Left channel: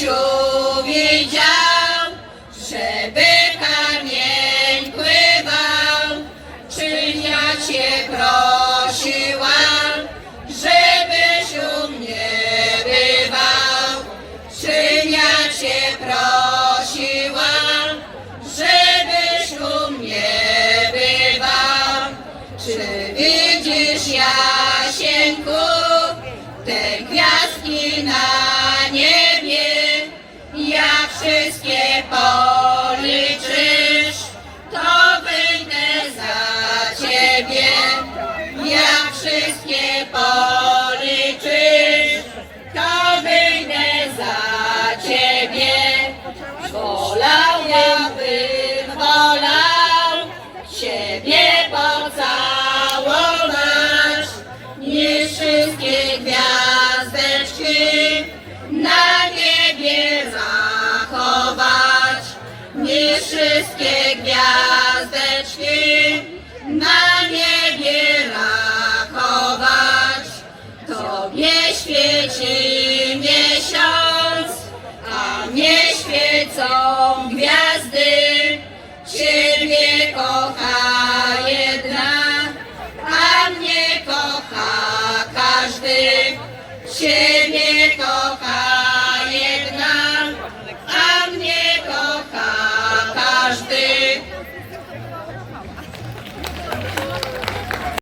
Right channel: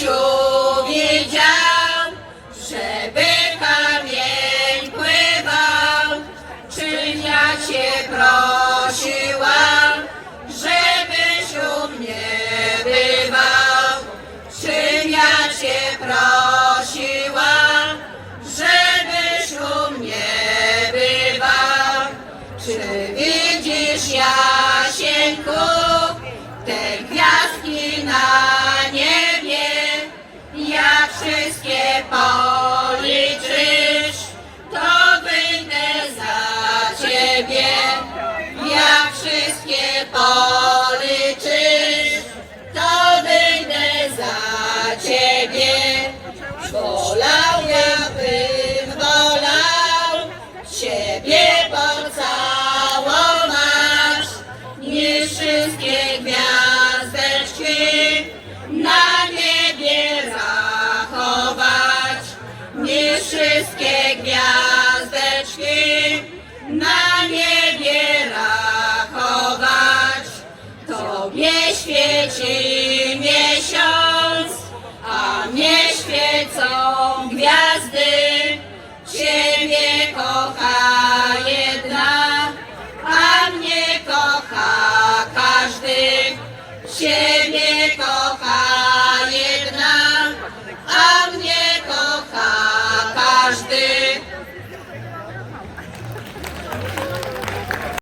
Jasiu widział, żeby kamień pływał, czy ja cię prosiłam, żebyś u mnie bywał, czy ja cię żebyś u mnie bywał, czy ciebie. Wolał ja bym wolał ciebie pocałować, niż wszystkie gwiazdeczki na niebie zachować, niż wszystkie gwiazdeczki na niebie rachować. Tobie świeci świecą gwiazdy. Ciebie kocha jedna, a mnie kocha każdy. Ciebie